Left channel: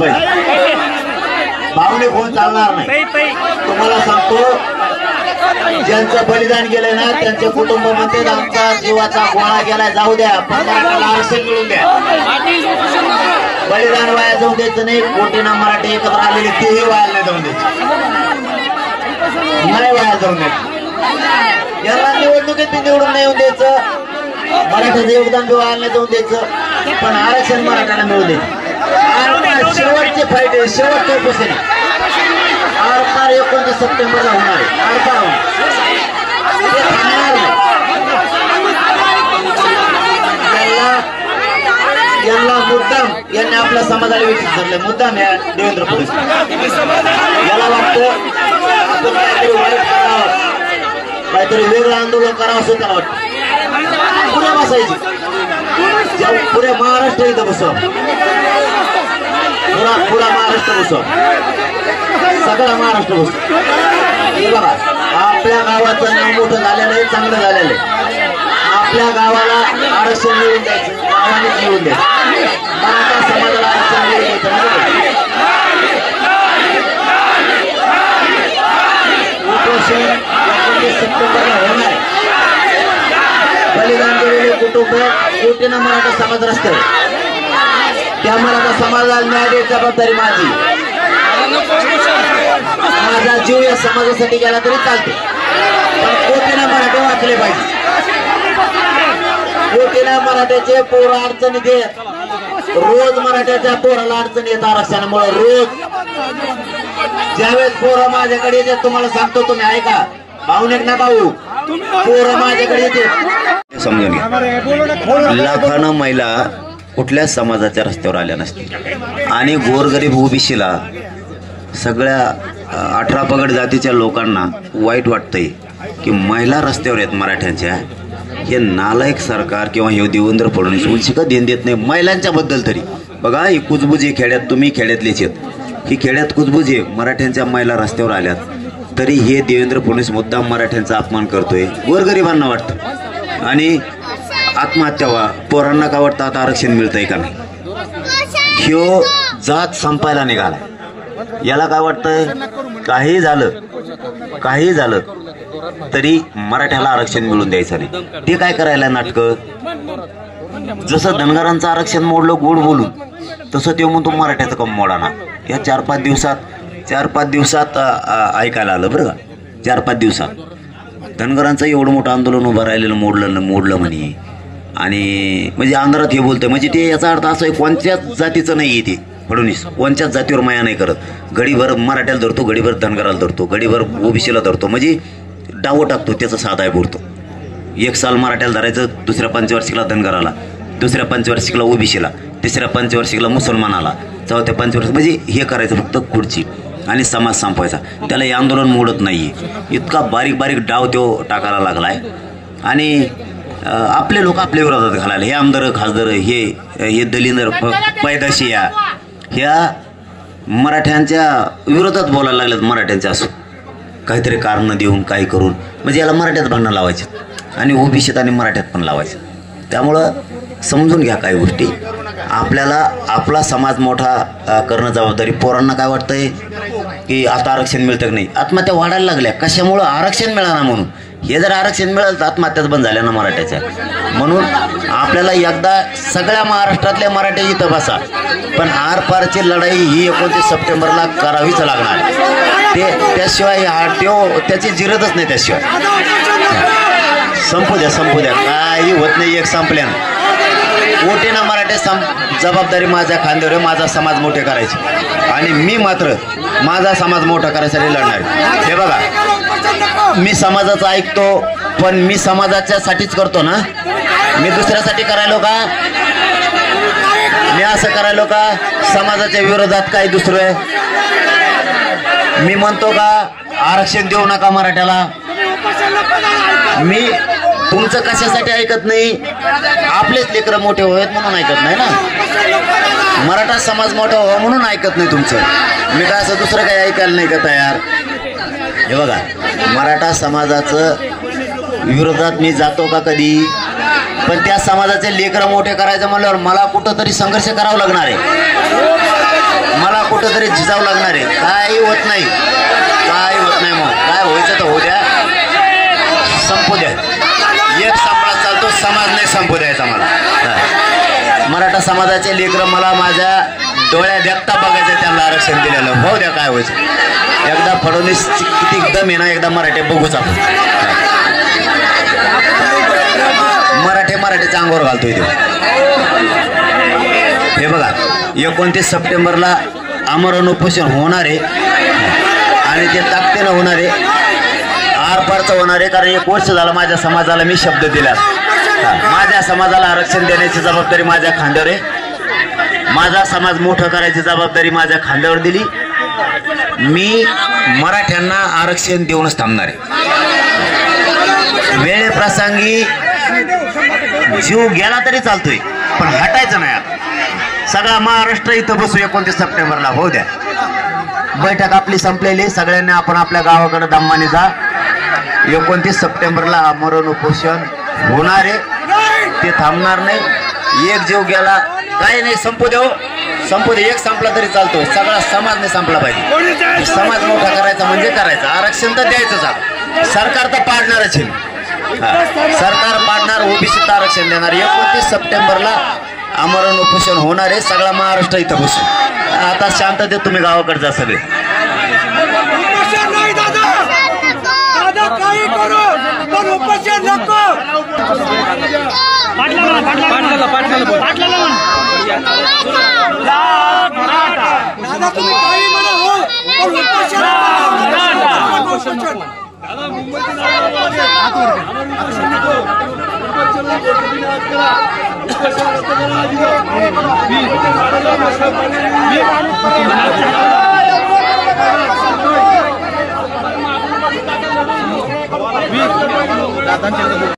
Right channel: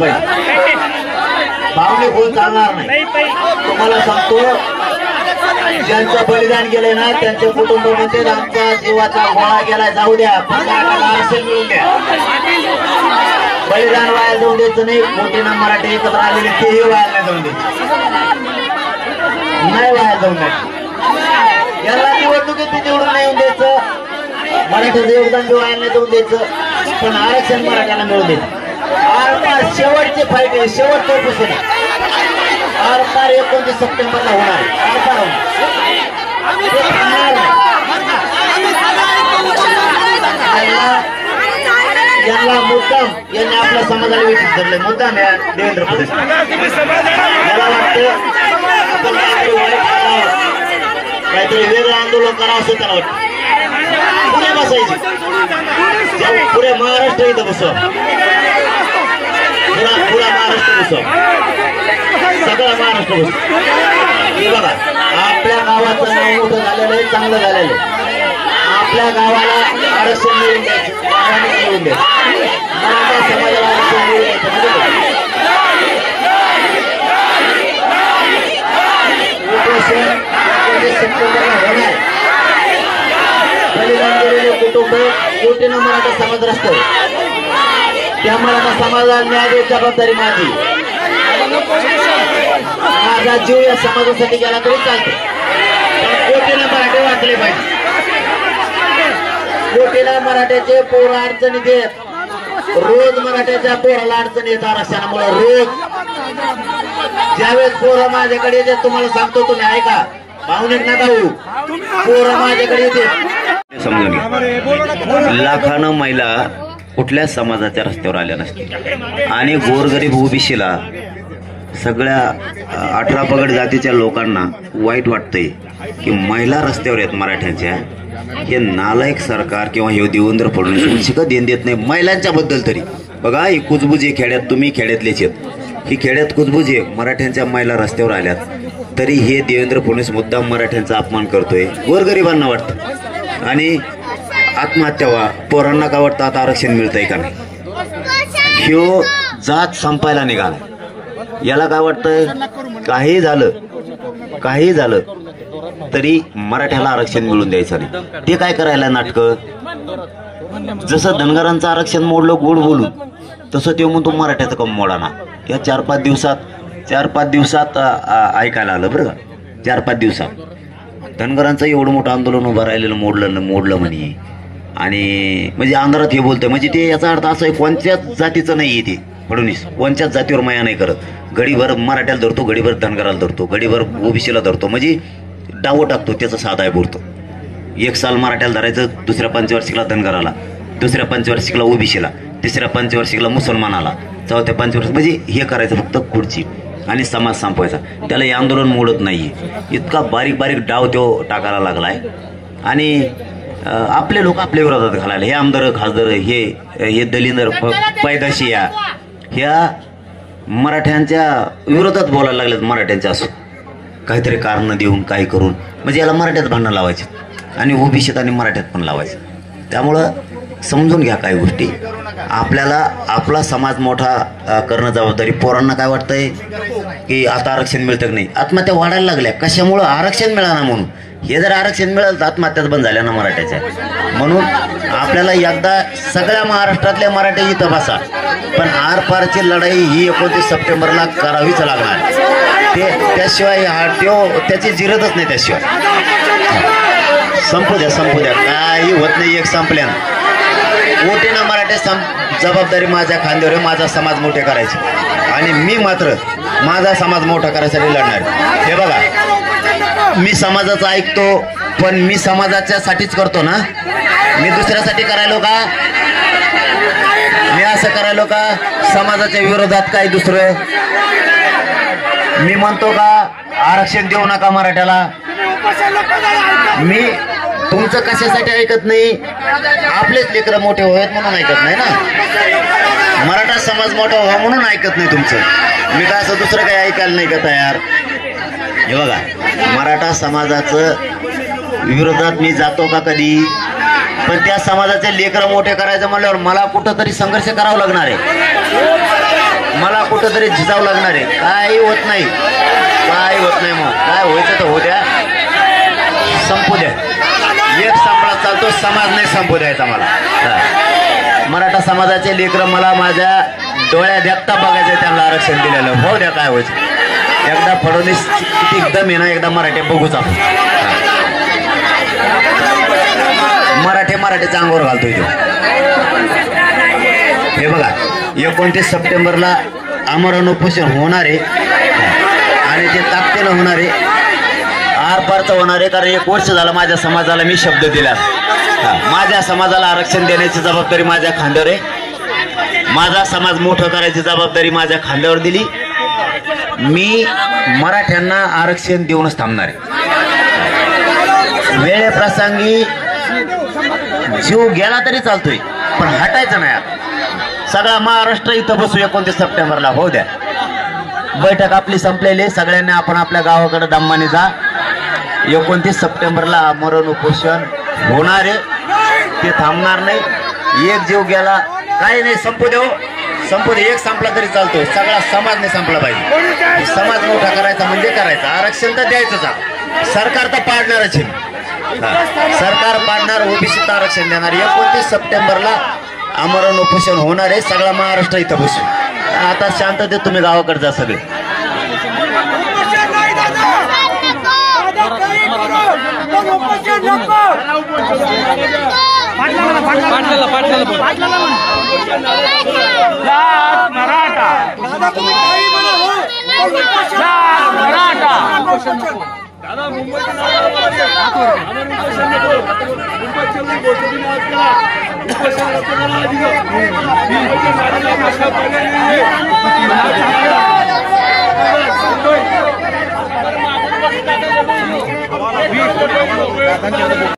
पाहिजे, भावने कोण चालणार नाही। तुम्हाला सांगतो ज्यांचं बलिदान केलंय ना त्यांच्या कुटुंबामध्ये आमचा जीवाचा गोळा गेलाय, जाऊ द्या, आरक्षण मिळून द्या, बलिदान वाया जाऊन द्यायचं नाही। कोटीना मराठी एकत्र आलेले तेही वाया नाही जाऊन द्यायचं, नाही वाया जाऊन द्यायचं। याला निवडणुकीत निवडून नाही येऊन द्यायचं, मराठीचं योगदान बी वाया नाही जाऊन द्यायचं, पण आरक्षण मराठ्याला मिळून द्यायचं। आरपार शेवटचे फाईट आहे, शेवटचे उपोषण आरपार 29 सप्टेंबरला होणार आहे, आरपार यांना मुद्दाम यांनी आपल्या समाजाला विचार धरले, मुद्दाम या देवेंद्र फडणवीस मला वाटतं आपण काहीतरी वेगळं आंदोलन करावं असं त्यांना वाटतं। पुढे बसायची, पुढे महाराष्ट्र इथं बसव, पुरा महाराष्ट्र बसव, सगळा महाराष्ट्र बसव। हे बघा आपल्या गावाचं नाव मोठं झालेलं आहे, चांगलं झालेलं आहे, आपल्या गावाला आरक्षण मिळून द्यायचं, गावाने मिळून द्यायचं, मराठा समाजाला आरक्षण मिळून द्यायचं। उपोषण 29 सप्टेंबरला होणार आहे। बलिदान दिलेले कुटुंब कोटीना मराठा समाज रस्त्यावर, त्या मराठा समाजाला न्याय द्यायची जबाबदारी माझी। माझा जीव या समाजासाठी गेला तरी चालते, पण कोटीना मराठे वाचले पाहिजे। कोटीना मराठ्याचे पोर अडचणी देत, रोज मराठ्याच्या पोराला अडचणी येत आरक्षणामुळे, रोज ज्यावेळेस पोरं माझ्याकडे येते तुम्हाला सांगतो, तुम्ही ऐका, भावनिक नका होऊ, पोरं माझ्याकडे येते समजून घ्या। लाखानं महिला कुठल्याच समाजाच्या रस्त्यावर आल्या नसतील आणि गोरगरीब ओबीसीला सगळ्या 18 पगड जातीच्या लोकांना वाईट वाटतंय की महिला रस्त्यावर आहेत मराठ्यांच्या। हे नालायक सरकार किंवा हे देवेंद्र फडणवीस उलशिका देण देत नाही महिलांच्या बद्दल तरी। बघा ही कुजबुजी खेड्यात, तुम्ही खेड्यातलेच आहेत, ही खेड्यात कुजबुजी मराठ्यांच्या महिला रस्त्यावर आल्यात तरी हे देवेंद्र फडणवीस मुद्दाम मराठ्यांचा अपमान करतोय, गोरगरिबांना वाटतं आणि आत्महत्या व्हा, पोरांना का वाटतं आता आरक्षण मिळतंय का नाही। ह्यो जात संपायला निघाला, याला काय वाटतंय काही झालं तरी मराठ्याला आरक्षण मिळून द्यायचं नाही। ते काय करायला नाटकं, जसं धनगरांचं आरक्षण मोडलं गोड बोलून, तसं ते म्हणतो मराठ्याचं कम मोडाना। या 4-5 दिवसात ऐकायला आलं बरं का, 4-5 दिवसात धनगरांचं एवढं मोठं आंदोलन उभं राहिलेलं मोडलं म्हणे, आणि म्हणजे अंधारात हे बोलतंय, म्हणजे ते याचा अर्थ असा आहे कोणत्याच जातीचं नाही ते फडणवीस, कोणत्याच जातीवर माया नाही करत, गडीभर मराठ्याला धरतो, गडीभर धनगराला धरतो, गडीभर ओबीसीला धरतो, म्हणजे डावं टाकतो, त्याचं साधा आहे पुरतो। एक साल मराठ्याला धरायचं, दुसऱ्या पंचवार्षिकला धनगराला, दुसऱ्या पंचवार्षिकला ओबीसीला, तिसऱ्या पंचवार्षिकला मुसलमानाला, चौथ्या पंचवार्षिक म्हणजे हे करायचं फक्त खुर्ची आणि समाज संपवायचा। त्याला हे आंदोलन मोडत नाहीये, इतका बारीक डाव तो टाकायला लागलाय आणि आपले लोक आपल्या विरोधात घालायला, हे आमदार खासदार हे दलिंदर पैदाशी ह्या मराठ्यांच्या विरोधात बोलायला लागलेत, मराठ्यांच्या असो काहीतरी कारण देऊन काही करून, म्हणजे याला मराठ्यात भांडणं लावायचे आणि ओबीसीत आणि मराठ्यात पण लावायचे। त्यामुळं समजून घ्या काही गोष्टी, आपल्याला आपला समाज मोठा करणं जबाबदारी। पोरांना काय वाटतंय की आता आरक्षण मिळतं की नाही, आत्महत्या वाढायला लागल्या कशामुळं, आरक्षण मिळालं म्हणून। हे जर आरक्षण मिळालं तर आत्महत्याच बंद झाल्या ना मराठ्याच्या, म्हणून आपल्याला एकदा सगळ्या महाराष्ट्रातल्या मराठ्या इथं बसा, पण आरपारची लढाई ही 29 सप्टेंबरला करावीच लागणार, त्याशिवाय त्याची जिरतच नाही, त्याशिवाय संपू द्या काही होत नाही। एक संपल्यानं कोटीना मराठे जबाबदारी माझ्या खांद्यावर, माझा समाज मोठे करायचे आणि मी मात्र माझा समाज मोठा करायसाठी लढणार। हे बघा मी समाजाचं ऐकतो, पण मी समाजाच्या साठीच करतो ना, मी दुसऱ्यासाठी करायलो का, मी असं करायलो का समाजाच्या विरोधात काही दुसरं, मी म्हणतो का आरक्षण देऊ नका मराठ्याला, मी तुमचं कशासाठी ऐकत नाही, आपलेच लेकरं मोठे व्हावेत म्हणून ऐकत नाही ना, मराठा समाज मोठा व्हावा म्हणून ऐकत नाही तुमचं, मी काय असं दुसरं काही ऐकायला नाही का तयार। हे बघा मराठा समाजाचं विरोधात मी जातो का कधी, पण त्या समाजाचे लेकरं मोठे करायचं म्हणल्यावर मला कुठंतरी संघर्ष करावा लागणार आहे। मला कुठंतरी झिजावं लागणार आहे. काही होत नाही, काय होत नाही. मग काय व्हायचं तर होऊ द्या, संपू द्या. एक संपला चालतो, समाज नाही संपू द्यायचा मला. मराठा समाजाचे लेकरं मला माझ्या डोळ्या देखता बघायचं, त्यांना आरक्षण दिलेलं. होऊ द्या, काय व्हायचं. एकदा फडणवीस किती एकदम आहे ना, एकदा मराठी बघूच आपण. मराठीच्या अंगावर घालतोय तो. हे बघा, 29 सप्टेंबरला आमरण उपोषण होणार आहे आणि ते ताकदीनं होणार आहे, आरपारचं होणार आहे. कारण 1 वर्ष झालं माझ्या समाजाला मी शब्द दिला. माझ्या समाजाला आरक्षण देण्याची जबाबदारी माझ्या खांद्यावर आहे. माझा समाज मोठं करायची जबाबदारी माझ्या खांद्यावर दिली. मी मराठ्यांना आरक्षण देऊनच थांबणार आहे. वेळेप्रसंगी जीव गेला तरी चालतोय, पण हटायचं नाही. आता सगळा महाराष्ट्र इथं बसू 29 सप्टेंबरला. होऊ द्या, बैठक आपली संपलेली. सगळ्यांनी आपण आपल्या गावाकडे दमाने जा. 29 सप्टेंबरला आमरण उपोषण होणार आहे, ते थांबणार नाही. एक जीव गेला काही नाही, संपू देऊ, संपू दे. एक संपला तरी चालतो, सगळा समाज नाही संपला पाहिजे. समाज मोठा करायचा म्हणजे करायचं. आरक्षण तर द्यायचंच. सरकार तर पाडणारच आहे. सरकार पाडणार, ओबीसीचं आरक्षण देणार. 29 सप्टेंबरला आमरण उपोषण होणार आहे. सगळा महाराष्ट्र इथं बसू. आता शांततेत तुम्ही गावाकडे जा सगळे. दादा मुंबईतून